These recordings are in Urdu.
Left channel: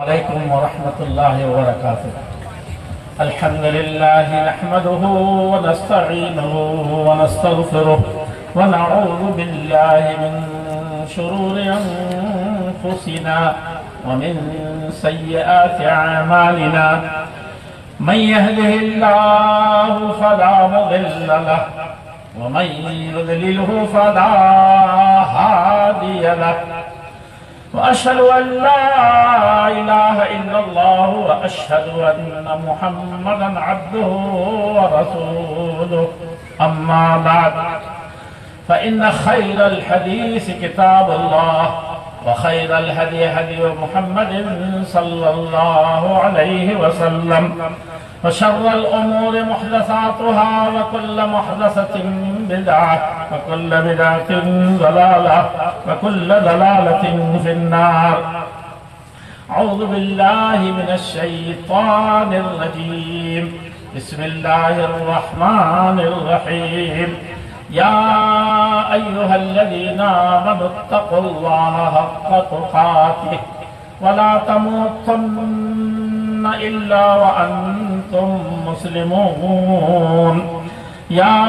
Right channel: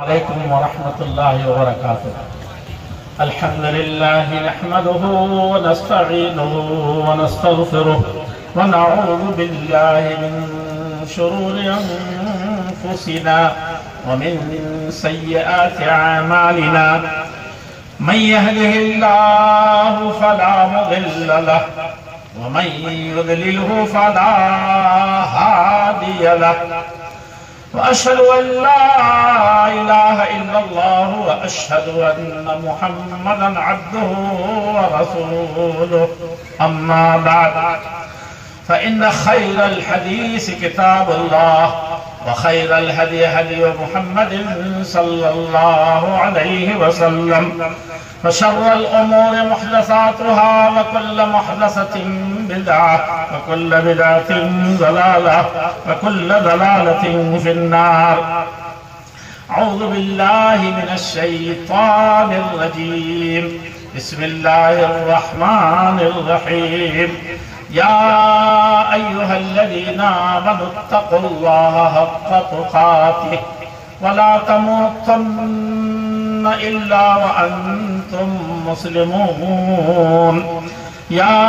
عليكم ورحمة الله وبركاته. الحمد لله نحمده ونستعينه ونستغفره ونعوذ بالله من شرور أنفسنا ومن سيئات أعمالنا. من يهده الله فلا مضل له ومن يضلله فلا هادي له. وأشهد أن لا إله إلا الله وأشهد أن محمدا عبده ورسوله. أما بعد فإن خير الحديث كتاب الله وخير الهدي هدي محمد صلى الله عليه وسلم وشر الأمور محدثاتها وكل محدثة بدعة وكل بدعة ضلالة وكل ضلالة في النار. أعوذ بالله من الشيطان الرجيم. بسم الله الرحمن الرحيم. يا أيها الذين آمنوا اتقوا الله حق تقاته ولا تموتن إلا وأنتم مسلمون. يا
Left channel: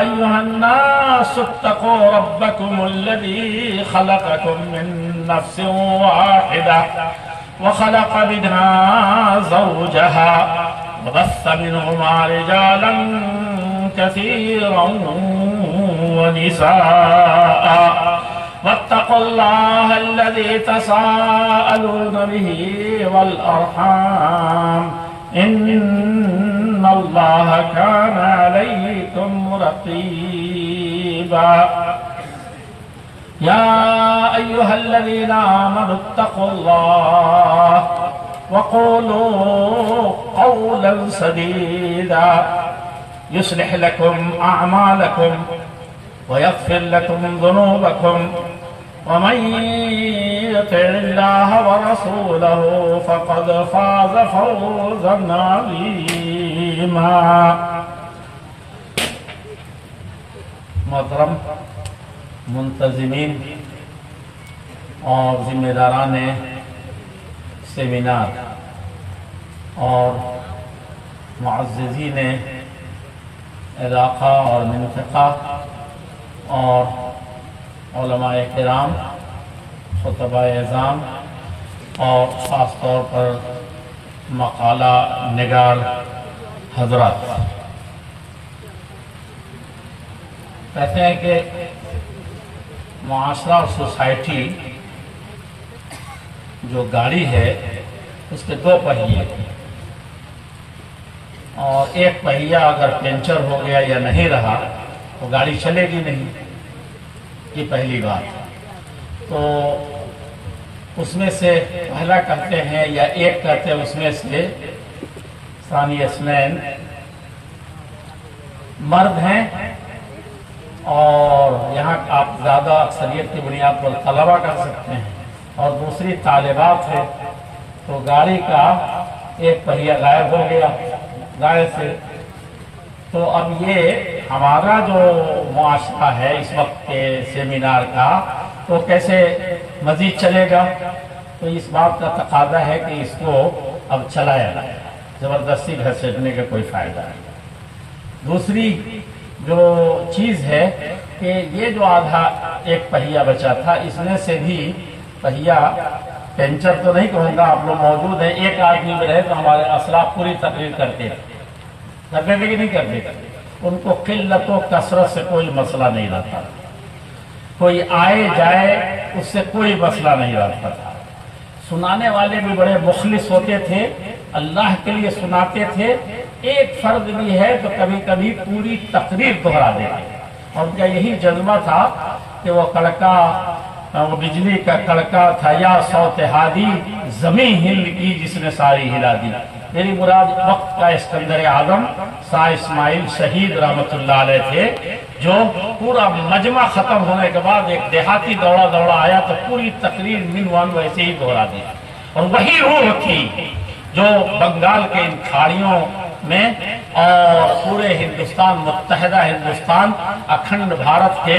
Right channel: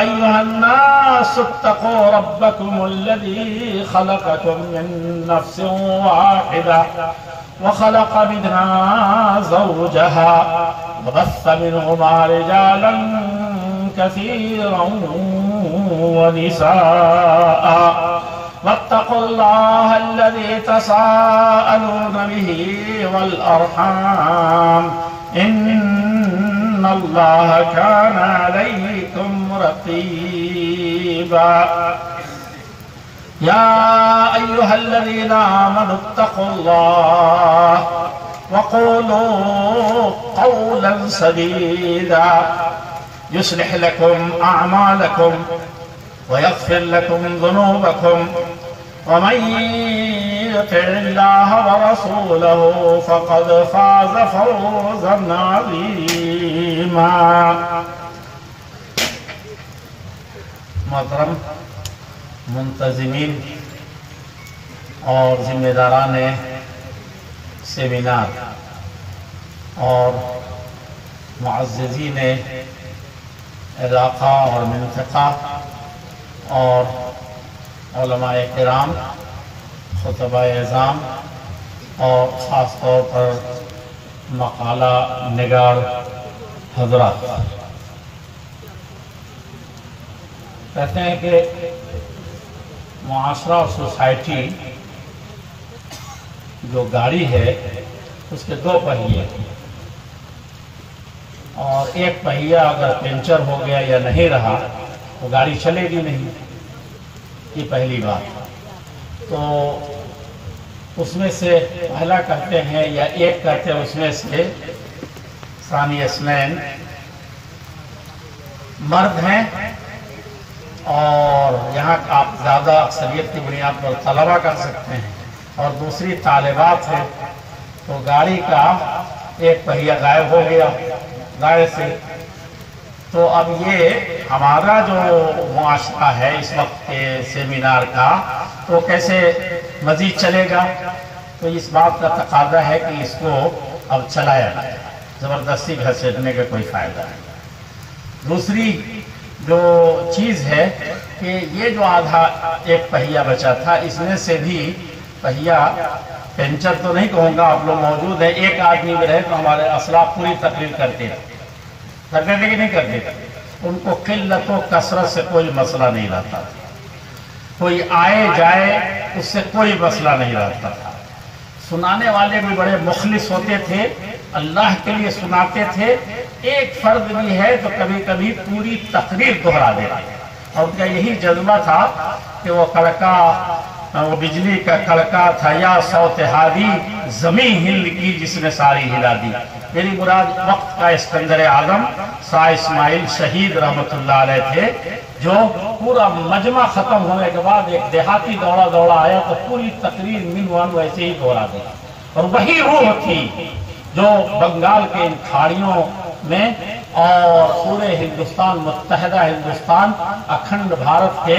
أيها الناس اتقوا ربكم الذي خلقكم من نفس واحدة وخلق منها زوجها وبث منهما رجالا كثيرا ونساء واتقوا الله الذي تساءلون به والأرحام إن الله كان عليكم رقيبا. يا أيها الذين آمنوا اتقوا الله وقولوا قولا سديدا يصلح لكم أعمالكم ويغفر لكم ذنوبكم ومن يطع الله ورسوله فقد فاز فوزا عظيما. محترم منتظمین اور ذمہ داران سیمینار اور معززین علاقہ اور منطقہ اور علماء کرام، خطباء اعظام اور خاص طور پر مقالہ نگار حضرات، کہتے ہیں کہ معاشرہ اور سوسائٹی جو گاڑی ہے اس کے دو پہیے ہیں، اور ایک پہیہ اگر پنچر ہو گیا یا نہیں رہا تو گاڑی چلے گی نہیں. یہ پہلی بات. تو اس میں سے پہلا کرتے ہیں یا ایک کرتے ہیں، اس میں سے ثانی اسنین مرد ہیں، اور یہاں آپ زیادہ اکثریت کی بنیاد پر طلبہ کر سکتے ہیں، اور دوسری طالبات ہے. تو گاڑی کا ایک پہیہ غائب ہو گیا ظاہر سے. تو اب یہ ہمارا جو معاشرہ ہے اس وقت کے سیمینار کا، تو کیسے مزید چلے گا؟ تو اس بات کا تقاضا ہے کہ اس کو اب چلایا جائے، زبردستی گھسیٹنے کا کوئی فائدہ نہیں. دوسری جو چیز ہے کہ یہ جو آدھا ایک پہیہ بچا تھا، اس میں سے بھی پہیہ پنچر تو نہیں کہوں گا، آپ لوگ موجود ہیں، ایک آدمی میں رہے تو ہمارے اسلاف پوری تقریر کرتے تھے کہ نہیں کرتے تھے. ان کو قلت و کثرت سے کوئی مسئلہ نہیں رہتا، کوئی آئے جائے اس سے کوئی مسئلہ نہیں رہتا تھا. سنانے والے بھی بڑے مخلص ہوتے تھے، اللہ کے لیے سناتے تھے. ایک فرد بھی ہے تو کبھی کبھی پوری تقریر دہرا دیتے، اور ان کا یہی جذبہ تھا کہ وہ کڑکا، وہ بجلی کا کڑکا تھا، یا صوت ہادی زمین ہل کی جس نے ساری ہلا دی. میری مراد وقت کا اسکندر اعظم شاہ اسماعیل شہید رحمۃ اللہ علیہ تھے، جو پورا مجمع ختم ہونے کے بعد ایک دیہاتی دوڑا آیا تو پوری تقریر منوان ویسے ہی دہرا دیا. اور وہی روح تھی جو بنگال کے ان کھاڑیوں میں اور پورے ہندوستان، متحدہ ہندوستان، اکھنڈ بھارت کے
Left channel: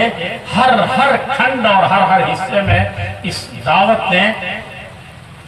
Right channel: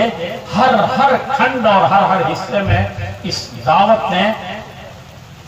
ہر کھنڈ اور ہر حصے میں اس دعوت نے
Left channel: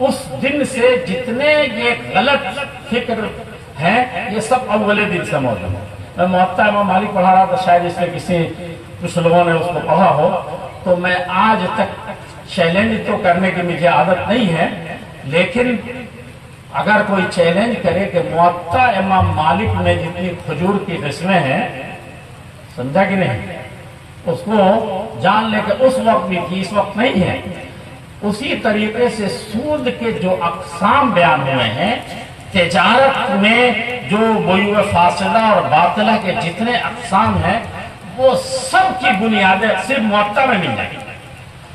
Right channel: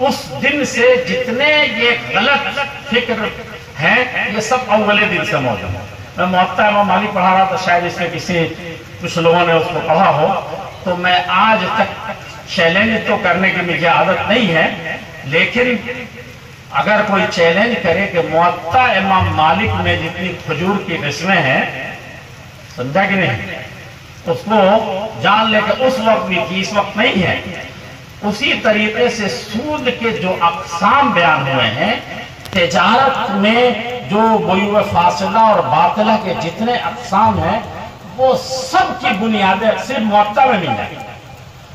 اس دن سے جتنے یہ غلط فکر ہیں یہ سب اول دن سے موجود ہے. میں موطا امام مالک پڑھا رہا تھا، شاید اس میں کچھ لوگوں نے اس کو پڑھا ہو، تو میں آج تک چیلنج تو کرنے کی مجھے عادت نہیں ہے، لیکن اگر کوئی چیلنج کرے کہ موطا امام مالک میں جتنی کھجور کی قسمیں ہیں، سمجھا کہ نہیں، اس کو جان لے کہ اس وقت بھی تھی، اس وقت نہیں ہے. اسی طریقے سے سود کے جو اقسام بیان ہوئے ہیں، تجارت میں جو بیع فاسدہ اور باطلہ کے جتنے اقسام ہیں، وہ سب کی بنیادیں صرف موطا میں مل جائیں گی،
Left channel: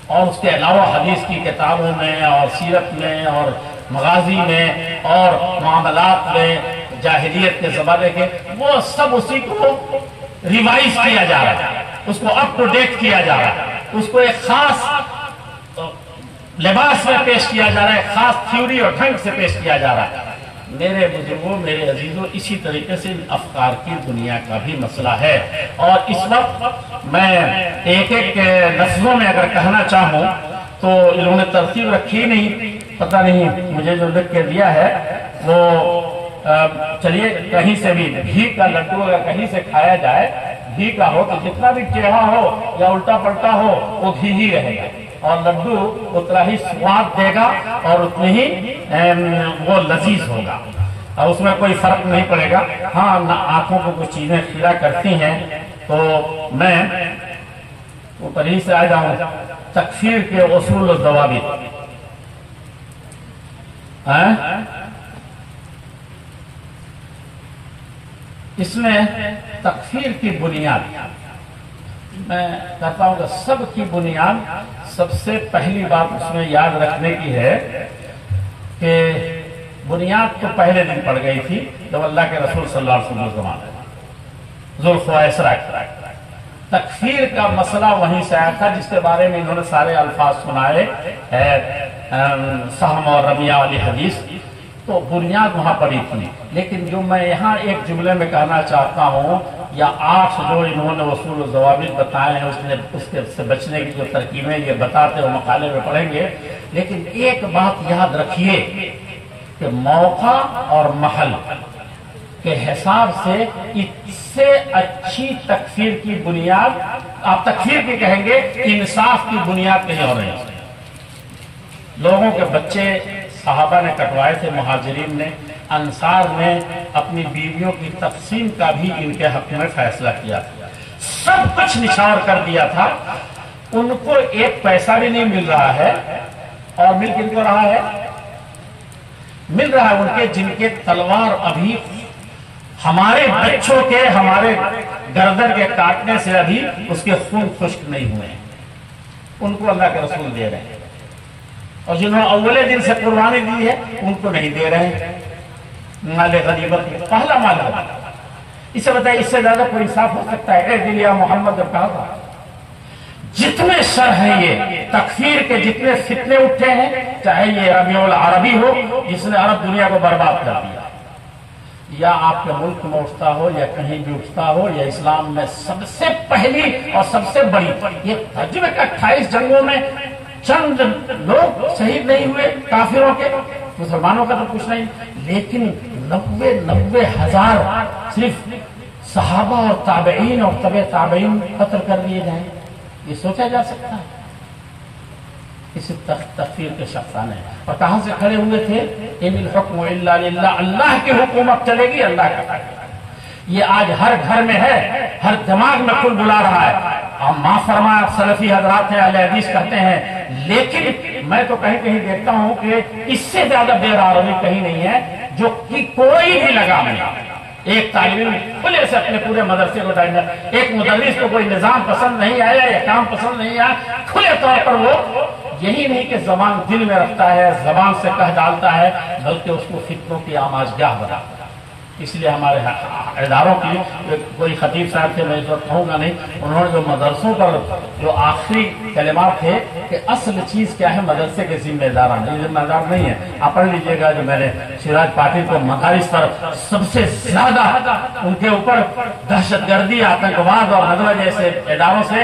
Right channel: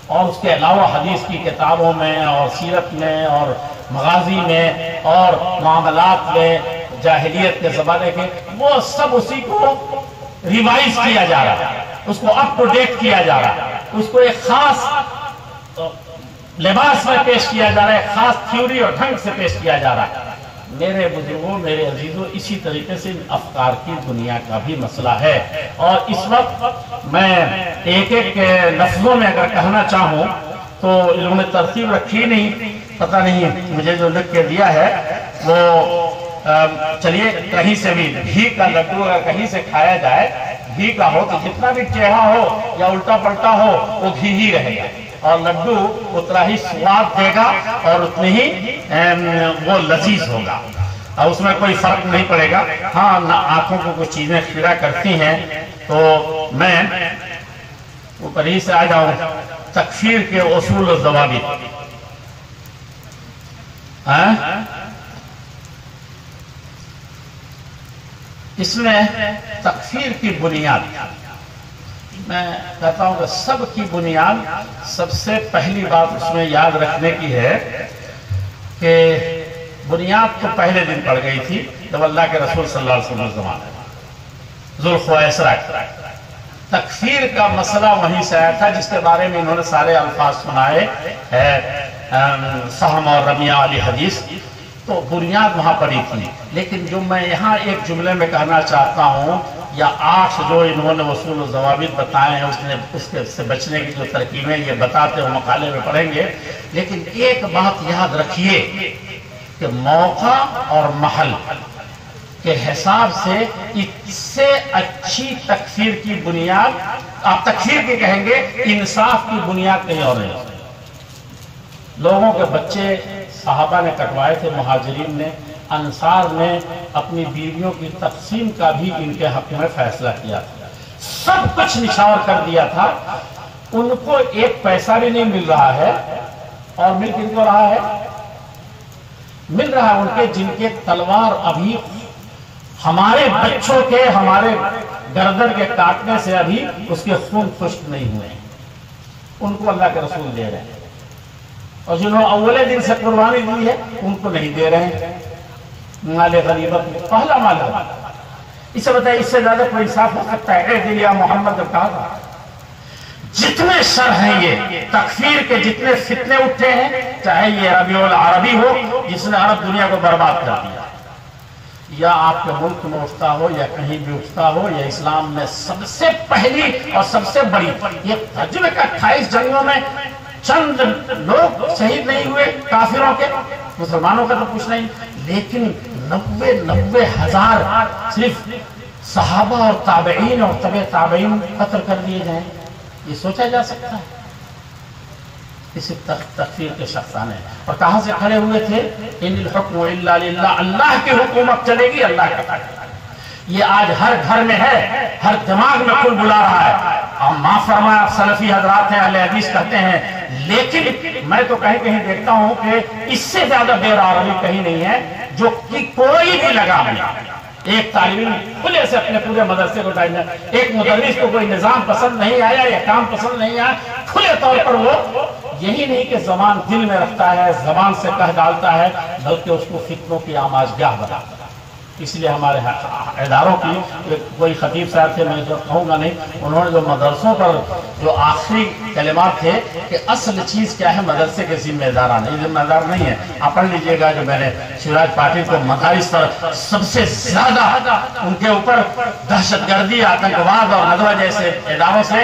اور اس کے علاوہ حدیث کی کتابوں میں اور سیرت میں اور مغازی میں اور معاملات میں جاہلیت کے زمانے کے، وہ سب اسی کو ریوائز کیا جا رہا ہے، اس کو اپ ٹو ڈیٹ کیا جا رہا ہے، اس کو ایک خاص لباس میں پیش کیا جا رہا ہے، خاص تھیوری اور ڈھنگ سے پیش کیا جا رہا ہے. میرے بزرگوں، میرے عزیزوں، اسی طریقے سے ان افکار کی دنیا کا بھی مسئلہ ہے. اور اس وقت میں ایک ایک لفظوں میں اگر کہنا چاہوں تو انہوں نے ترتیب رکھی نہیں، پتہ نہیں مجھے جو لکھ کے دیا ہے وہ چلیے کہیں سے بھی گھی کا لڈو اگر کہیں سے کھایا جائے، گھی کا ہو تو جتنا بھی ٹیڑھا ہو یا الٹا پلٹا ہو وہ گھی ہی رہے گا، اور لڈو اتنا ہی سواد دے گا اور اتنی ہی وہ لذیذ ہوگا، اور اس میں کوئی فرق نہیں پڑے گا. ہاں آنکھوں کو کچھ چیزیں خیرہ کرتی ہیں، تو میں اوپر ہی سے آ جاؤں. تکفیر کے اصول و ضوابط، اس میں تکفیر کی بنیاد، میں کہتا ہوں کہ سب کی بنیاد، سب سے پہلی بات اس میں یاد رکھنے کی ہے کہ بنیاد تو پہلے دن پڑ گئی تھی جب اللہ کے رسول صلی اللہ علیہ وسلم زمانے ذوالخویسرہ. تکفیر کا مسئلہ وہیں سے آیا تھا جس کے بارے میں انہوں نے سارے الفاظ سنائے، سہم اور رمیہ والی حدیث، تو بنیاد وہاں پڑی تھی. لیکن جو میں یہاں ایک جملے میں کہنا چاہتا ہوں، یا 8 جو انہوں نے اصول و ضوابط بتائے ہیں، اس سے بچنے کی جو ترکیبیں یہ بتاتے ہوئے مقالے میں پڑھیں گے. لیکن ایک بات یاد رکھیے کہ موقع اور محل کے حساب سے اس سے اچھی تکفیر کی بنیاد، آپ تکفیر کی کہیں گے، انصاف کی بنیاد کہیں اور نہیں. لوگوں کے بچے صحابہ نے کٹوائے تھے، مہاجرین نے، انصار نے اپنی بیویوں کی تقسیم کا بھی ان کے حق میں فیصلہ کیا تھا، سب کچھ نثار کر دیا تھا. ان کو ایک پیسہ بھی نہیں مل رہا ہے، اور مل کن کو رہا ہے؟ مل رہا ہے ان کے جن کے تلوار ابھی ہمارے بچوں کے، ہمارے گردن کے کاٹنے سے ابھی اس کے خون خشک نہیں ہوئے، ان کو اللہ کے رسول دے رہے ہیں. اور جنہوں نے اول دن سے قربانی دی ہے ان کو نہیں دے رہے ہیں. مال غنیمت پہلا مال ہے. اسے بتائیے اس سے زیادہ کوئی انصاف ہو سکتا ہے؟ اے دل یا محمد جب کہا تھا. جتنے سر ہیں یہ تکفیر کے، جتنے فتنے اٹھے ہیں، چاہے یہ ربیع العربی ہو جس نے عرب دنیا کو برباد کر دیا، یا آپ کے ملک میں اٹھتا ہو یا کہیں بھی اٹھتا ہو، یا اسلام میں سب سے پہلی اور سب سے بڑی، یہ تجربے کا 28 جنگوں میں چند لوگ شہید نہیں ہوئے کافروں کے، مسلمانوں کا تو کچھ نہیں، لیکن 90 ہزار صرف صحابہ اور تابعین اور تبع تابعین قتل کر دیے جائیں، یہ سوچا جا سکتا ہے؟ اسی تکفیر کے شخصانے. اور کہاں سے کھڑے ہوئے تھے؟ ان الحکم الا للہ، اللہ کی حکومت چلے گی، اللہ کا. یہ آج ہر گھر میں ہے، ہر دماغ میں کل بلا رہا ہے. ہم معاف فرمائے سلفی حضرات ہیں، اہل حدیث کہتے ہیں، لیکن میں تو کہیں کہیں دیکھتا ہوں کہ اس سے زیادہ بے راروی کہیں نہیں ہے، جو کہ کوئی بھی لگام نہیں. ایک طالب علم کھلے سے اپنے پورے مدرسے کو ڈالنا، ایک مدرس کو کوئی نظام پسند نہیں آیا یا کام پسند نہیں آیا، کھلے طور پر وہ یہی نہیں کہ زبان دل میں رکھتا ہے، زبان سے کہہ ڈالتا ہے، بلکہ اس کو فتنوں کی آماجگاہ بناتا ہے. اس لیے ہمارے اداروں کی کوئی خطیب صاحب تھے، میں اس وقت کہوں گا نہیں، انہوں نے جو مدرسوں پر جو آخری کلمات تھے کہ اصل چیز کیا ہے، مدرسے کے ذمہ داران، یہ ذمہ دار نہیں ہے. آپ پڑھ لیجئے گا جو میں نے شیراج پاٹل کو مدارس پر سب سے زیادہ ان کے اوپر دہشت گردی، آتنکواد اور ندوہ جیسے اداروں سے